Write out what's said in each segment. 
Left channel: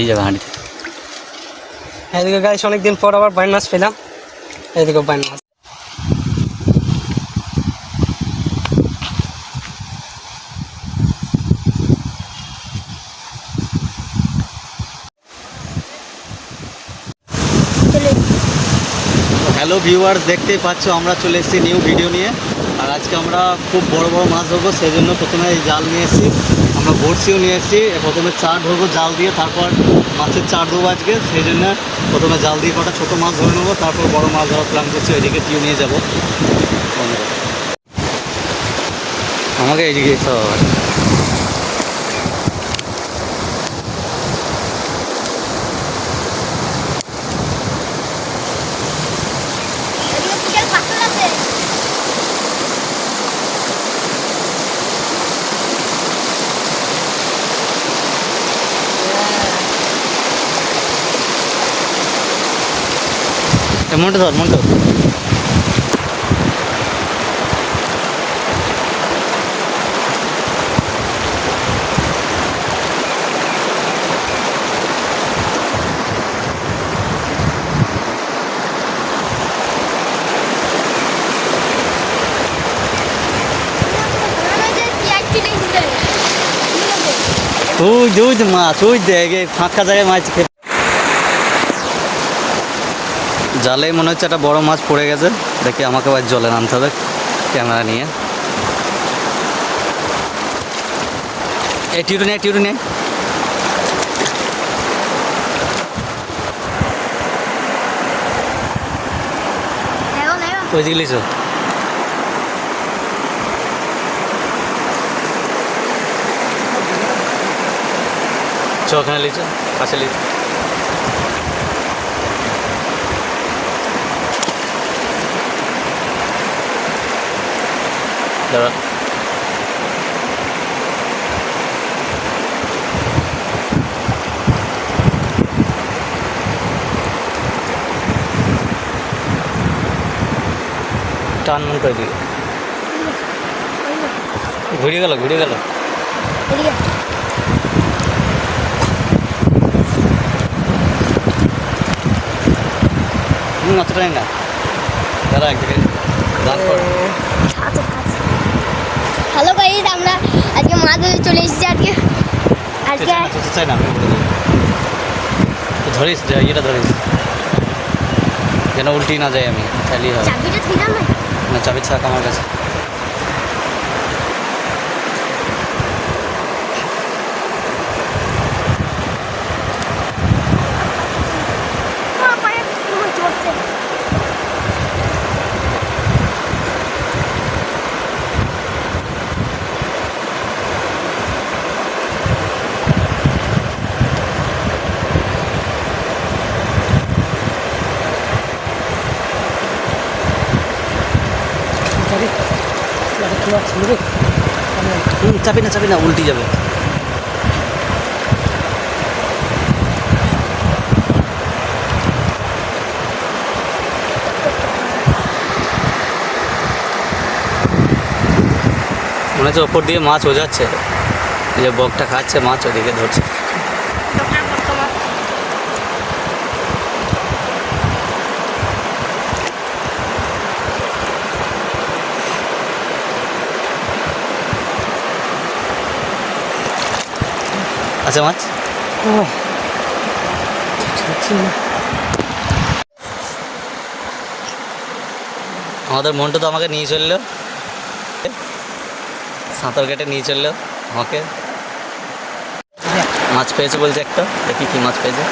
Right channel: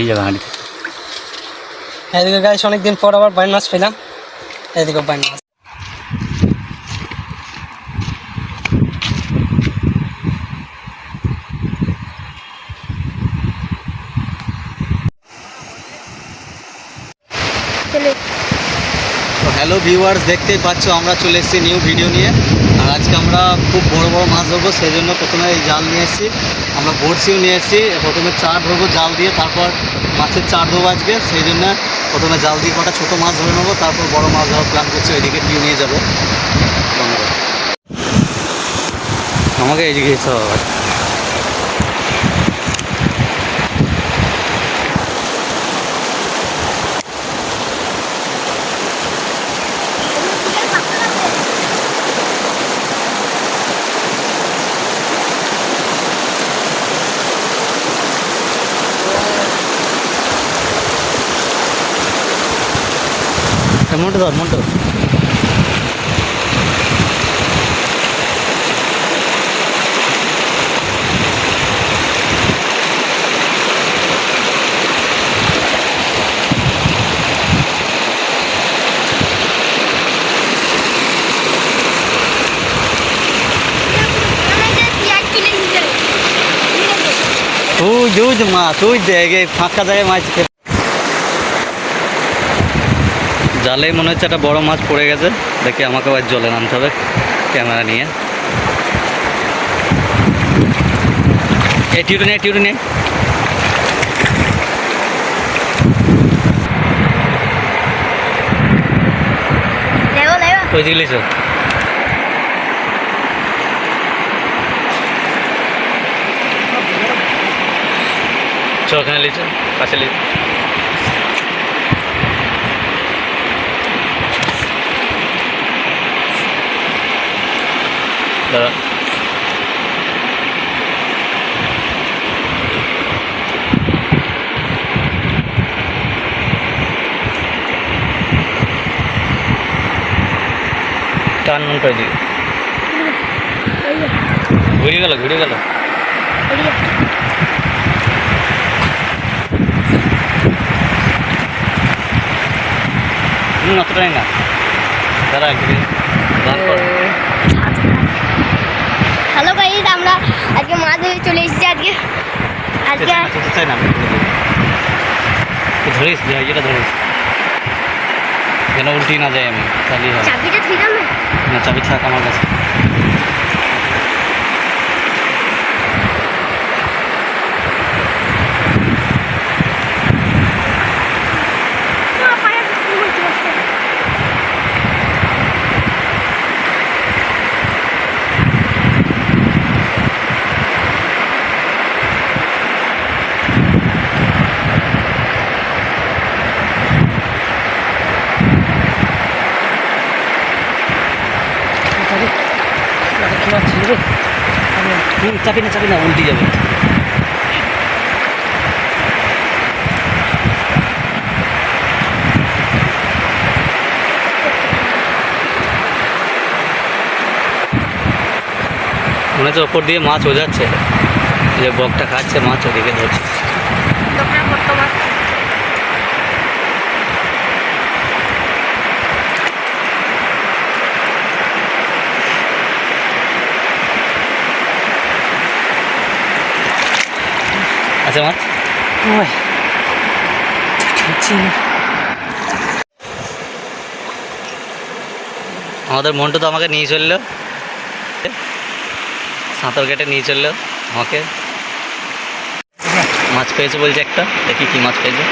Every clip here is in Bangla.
এই যাবে হাঁড়ি। এদিকে গাইস অনেকদিন পর আবার বাইন মাছ পেলাম। এদিকে বাইন মাছ। তো হ্যালো ভিউয়ার্স, দেখতেই পাচ্ছ আমরা চলে এসেছি নিউ ভিডিও নিয়ে। আর আজকে আমরা খুব বড় বড় মাছ ধরবো, সেই জন্য প্রথমে এই জাল নিয়ে এসেছি, আমরা বড়শিও নিয়ে এসেছি। প্রথমে চার ধরবো জাল দিয়ে, তারপর মাছের চার ধরবো আজকে। সেই জন্য প্রথমে জাল দিয়ে কটা ছোটো মাছ ধরে নেবো, তারপর বড় মাছ ধরার প্ল্যান করছি। ওইদিকে পিউ নিয়ে যাবো। আমাকে এইদিকে যেতে হবে। মন্টু ধর, মন্টু। ওই যে মাছ, ওই দেখ ফাঁকা জায়গায় মাছ খেতে। জালে মনে হচ্ছে একটা বড় মাছ পড়ে গেছে। দেখি আমাকে আবার জলে নামতে হবে ক্যামেরা নিয়ে। এই টিউটু নেই, টিউটু নেই। ওই দিকে লিখো। চ ওখানে লিখো, পাশে লিখো। দাদা টান মন করে দিকে ঘুরিয়ে গেল, ঘুরিয়ে গেল। অতটাই না দাদা, একদিকে দান কর। হ্যালো গাইস, আমরা আজকে মাছ ধরতে চলে এসেছি। আজকে চাই না, আমি ধরিস, ইয়েটা ধরিস যেন উল্টি না যায়। আমি চালিয়ে হবে চাবিটা ঠিক আছে না, চাবি ছাক আমার কাছে। চাপি না, চাপি না, উল্টি যাবে। মনে হচ্ছে ওপর দিয়ে মাছ ওঝাচ্ছে, যে বকটা খাচ্ছে মাছ ওদিকে ধরছে। আচ্ছা মাছ ওই আমাদের মন্টু তো আমাকে নিয়ে চললো, সাঁতার কেটে নিয়ে চললো আমাকে। মাছ পেয়েছে বলছে একটা, দেখি কি মাছ পেয়েছে।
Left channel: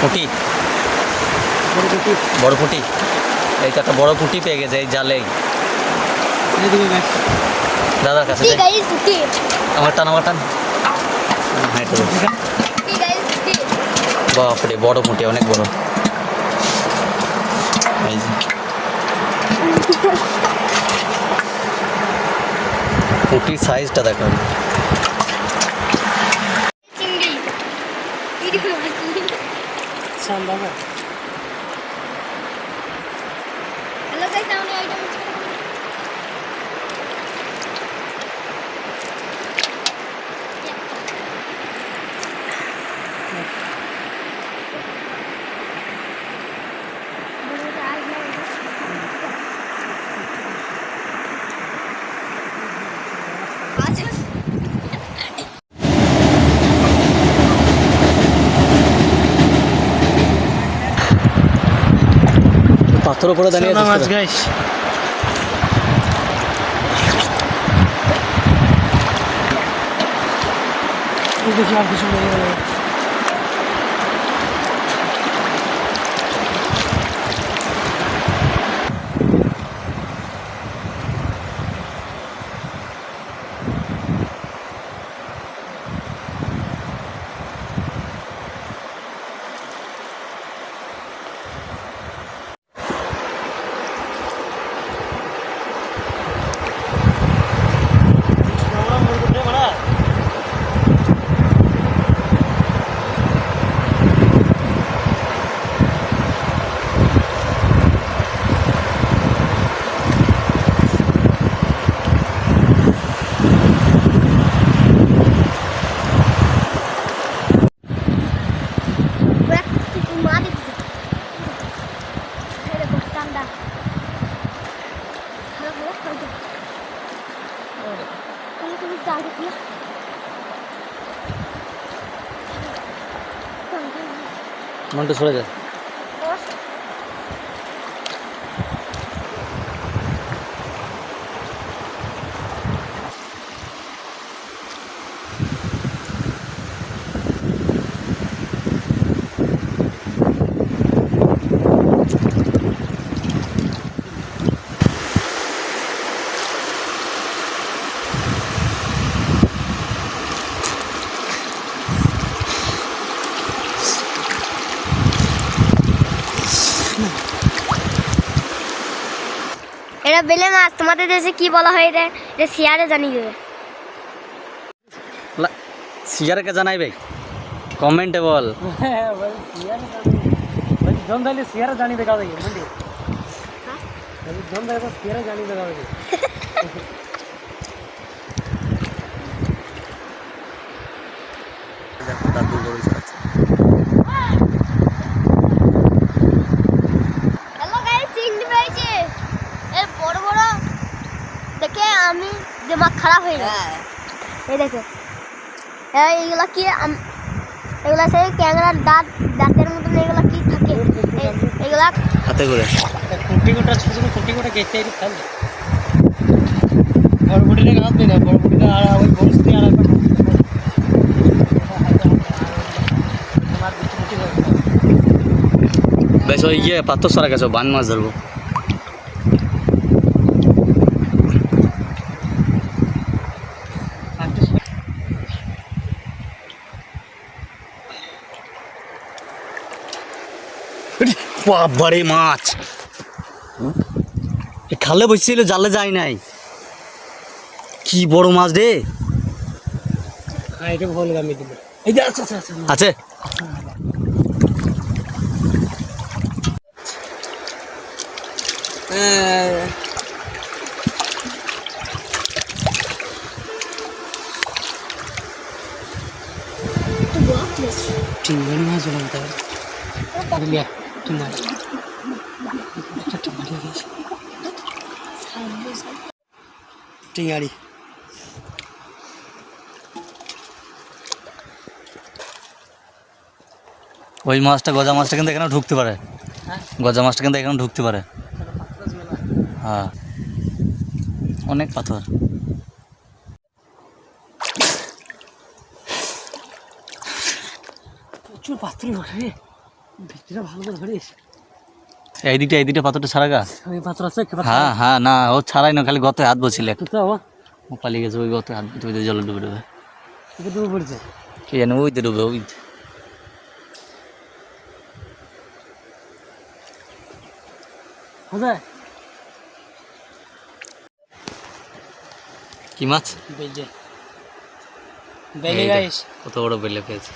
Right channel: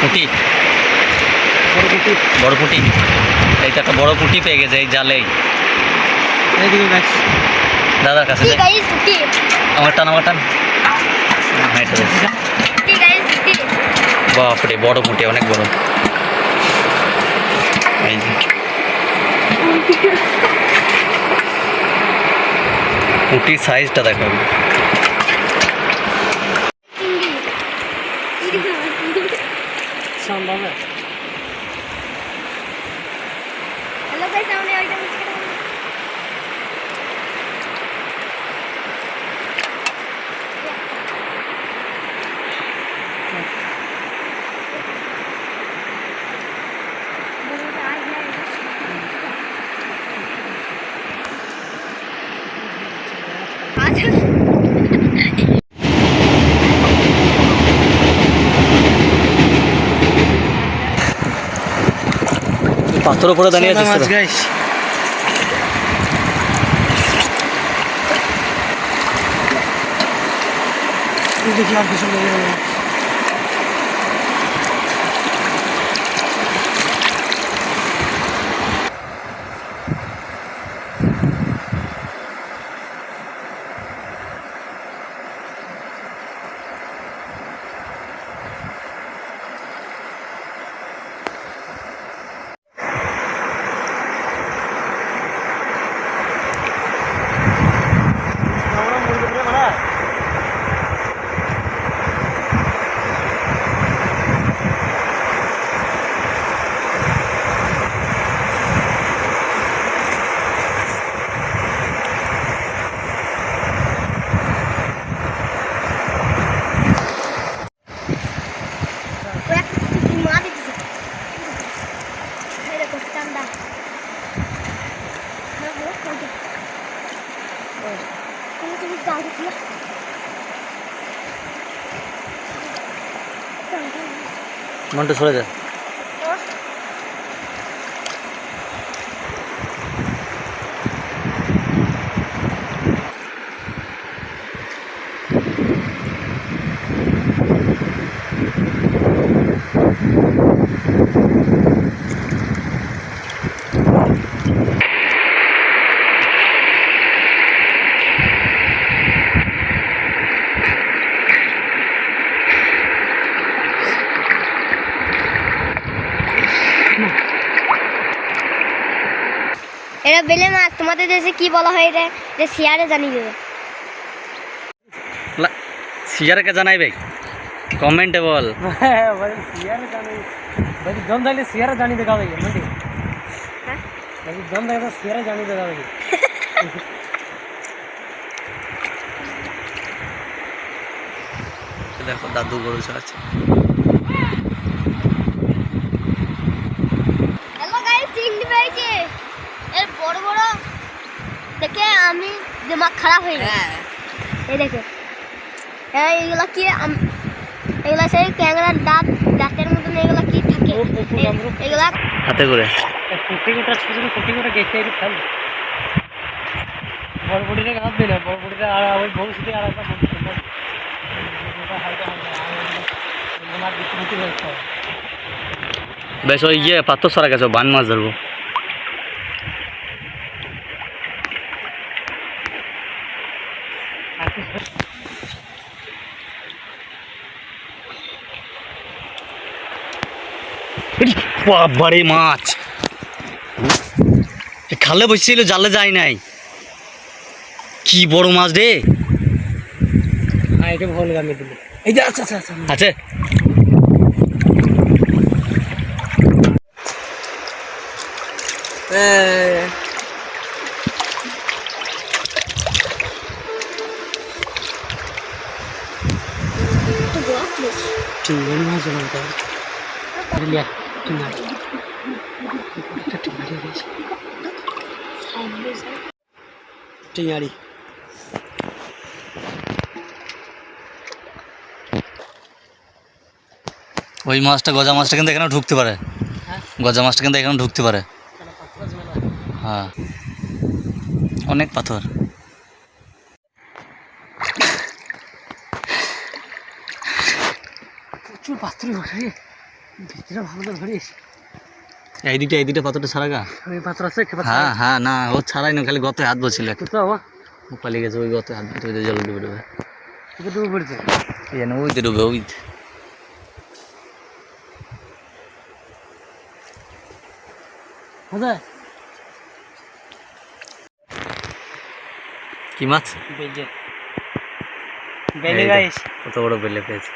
পুঁটি, বড় পুঁটি। এই তো একটা বড় পুঁটি পেয়ে গেছে এই জালেই। দাদার কাছে আমার টান, আমার টান। হ্যাঁ এটা বাপরে, বড় পুঁটি, অনেক বড়। এই যে পুঁটির সাইজটা দেখো। হ্যালো গাইস, আমরা ওইটা পাথর উপরে দাঁড়িয়ে ছোট আছিস মাছ তোরা? গাইস দেখি আর কিছু নেই মা দেখছি ঠান্ডা তুমি জাল দিচ্ছিল মন্টু সরে যা। এটা বেলে মাছ তোমাদের দেশে কি বলা হয় এটা এটা শিয়ারে জানিয়ে দেবে সিজারকে জানাইবে কমেন্টে বল। জম যাইলে সিয়ারে জানি দেখাও দেখি বুঝলি হ্যাঁ জম যাইলে সিয়ারে জানি দেখাও দেখি দেখো দাদু গরু চড়াচ্ছে। হ্যালো গাইস চিংড়ি পেয়েছি এর বড় বড় দেখে আমি দিমাগ খারাপ হয়ে গেল এই দেখে এইগুলা কি এগুলা সেই ক্যাংরার দাঁতের মতন এগুলা কি থাকে এগুলা হাতে করে কুটি গোটা ছোট ছোট কুটি গোটা গেছে একটু ফেল বড় বুটিটা হাত দিই না বড় বুটিটা আর ওই বক্সটি আর একটা তোমার দিকে কুটি হয়ে গেল বেশ ওই গিয়ে পাথর সরা গেছে বান মাছ ধরবো। বাবারে মাছ খালে বসছিল জালে যায় নাই কি বড় মাছ রে। এটা ভুল গামি দিল এই যে আচ্ছা আচ্ছা আচ্ছা আছে টিঙ্গি মাছ দিলাম তাই লিয়া কি মাছ একটা টিঙ্গি গেছে টিঙ্গারি ওই মাছটা গজা মাছটা কিন্তু এখানে ঢুকতে পারে। গজা মাছটা কিন্তু এখানে ঢুকতে পারে। হ্যাঁ অনেক পাথর। প্রচুর পাথর বসে ভিতরে ভালো করে ধরিস এই দিকটা পাথরটা ছাড়া গা। ওই পাথর আছে হ্যাঁ হ্যাঁ না ও ছাড়াই না খালি গতে হাত বসছিল তো ও পালিয়ে গেছে ওই গতে হাত দিতে জল ডুবে ডুবে ওকে ডুবে পড়েছে এই জানি ওইতে ডুবে ওই কোথায় কি মাছ বেজে বেলে গাইস কত বড় বেলে পেয়েছে।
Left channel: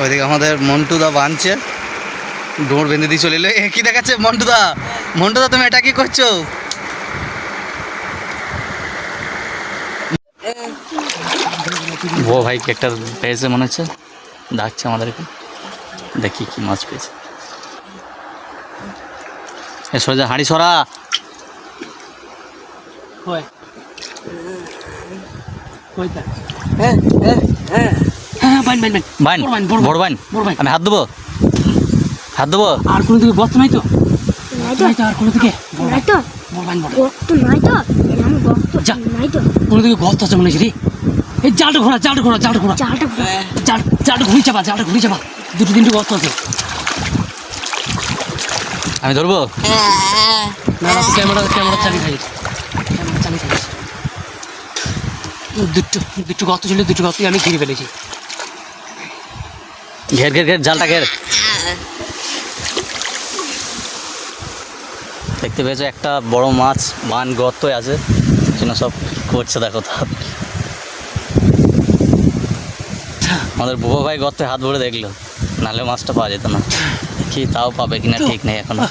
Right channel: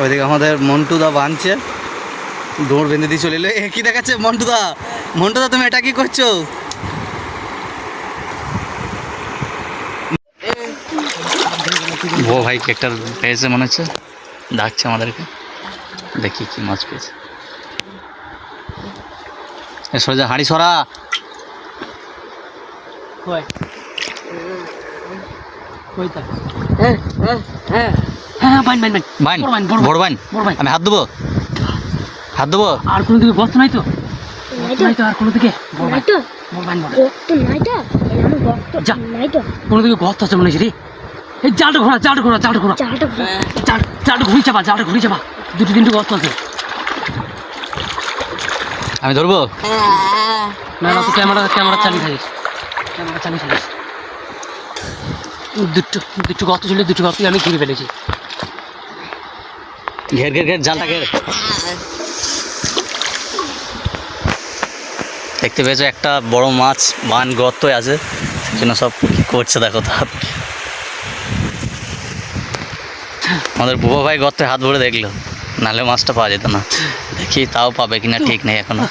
ওইদিকে আমাদের মন্টুদা বাঁধছে ডোর বেঁধে দিয়ে চলে এলো। এ কি দেখাচ্ছে মন্টুদা তুমি এটা কি করছো? ও ভাই একটা পেয়েছে মনে হচ্ছে ডাকছে আমাদেরকে দেখি কি মাছ পেয়েছে। সোজা হাঁড়ি সরা। কই কইতা হ্যাঁ হ্যাঁ হ্যাঁ হ্যাঁ বাইন বাইন বাইন বাইন বড় বড় বাইন। বড় বাইন। আমি হাত দেবো, হাত দেবো। আর কোনো দিকে গর্ত নাই তো? নাই তো নাই তো আর কোনো দিকে? বড় নাই বাইন তো বড় বাইন বড় গর্ত নাই তো এরকম গর্ত যা। নাই তো কোনো দিকে গর্ত আছে মনে হচ্ছে রে। এই জালটা ঘোরা জালটা ঘোরা জালটা ঘোরা চালটা জালটা ঘুরি চাপা জালটা ঘুরি চাপা। দুটো তিনটে গর্ত আছে। আমি ধরবো। না না তো ক্যামেরা ক্যামেরা চালিয়ে থাকিস, ক্যামেরা চালিয়ে থাকিস। দুটো দুটো গর্ত ছিল, দুটো গর্তই আমি ঘুরে ফেলেছি। ঘের ঘের ঘের জালটা ঘের। দেখতে পেয়েছো একটা বড় মাছ বান গর্তই আছে, সেজন্য সব কি করছে দেখো। তো আমাদের বুবা ভাই গর্তে হাত ভরে দেখলো, নাহলে মাছটা পাওয়া যেত না। দেখি তাও পাবে কিনা ঠিক নেই এখনো,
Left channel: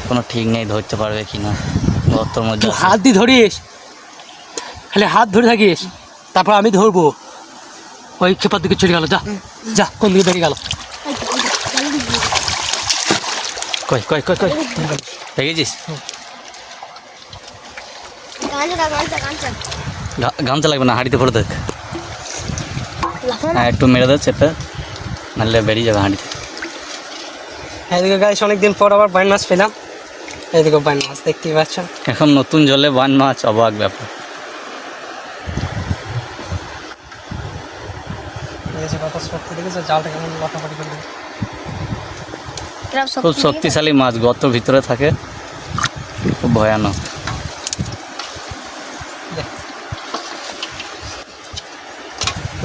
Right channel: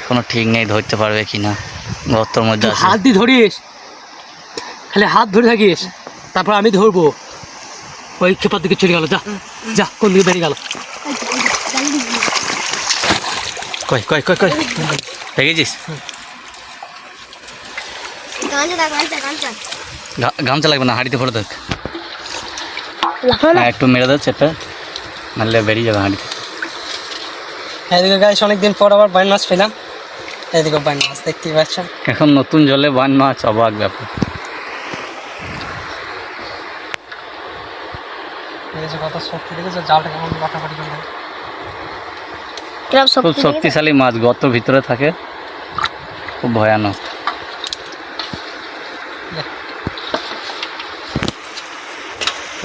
এখনো ঠিক নেই ধরতে পারবে কিনা গর্তর মধ্যে তুই আছে। হাত দিয়ে ধরিস, খালি হাত ধরে থাকিস, তারপর আমি ধরবো। ওই খেপার দিকে চলে গেল, যা যা কোন দিকে বেরিয়ে গেল। কই কই কই কই দেখেছিস? গামছা লাগবে না, হাঁড়িতে ভরে দেখ। হ্যাঁ একটু মেরে দেয় সেটা, নাহলে বেরিয়ে যাবে হাঁড়িতে। এদিকে গাইস অনেকদিন পর আবার বাইন মাছ পেলাম। এদিকে বাইন মাছ দেখতেই পাচ্ছেন। এখন নতুন জলে বান মাছ, অবাক ব্যাপার। দেখেছো কত শক্তি, দেখেছো জালটা কেমন লাফাফাটি করে দেয়। খুব শক্তিশালী মাছ, গর্তর ভিতরে থাকে, খুব ভয়ানক।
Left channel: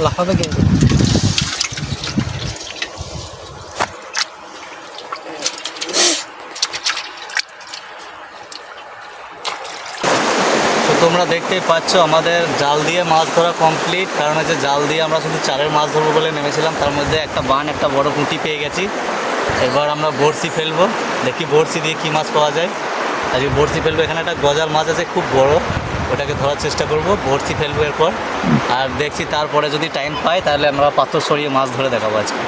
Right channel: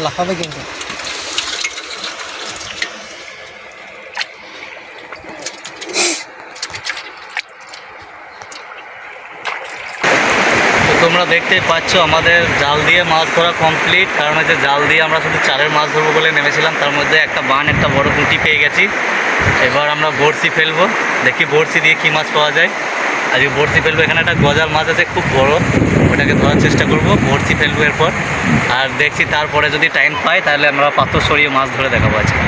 লাফাবে কিন্তু। তো তোমরা দেখতেই পাচ্ছ আমাদের জাল দিয়ে মাছ ধরা কমপ্লিট। কারণ হচ্ছে জাল দিয়ে আমরা শুধু চারের মাছ ধরবো বলে নেমেছিলাম, তার মধ্যে একটা বান একটা বড় পুঁটি পেয়ে গেছি। এবার আমরা বড়শি ফেলবো, দেখি বড়শি দিয়ে কী মাছ পাওয়া যায়। আজকে বড়শি ফেলবো, এখানে একটা গজাল মাছ আছে খুব বড়, ওটাকে ধরার চেষ্টা করব। বড়শি ফেলবো এরপর, আর দেখছি তারপরে যদি টাইম পাই তাহলে আমরা পাথর সরিয়ে মাছ ধরে দেখাবো আজকে।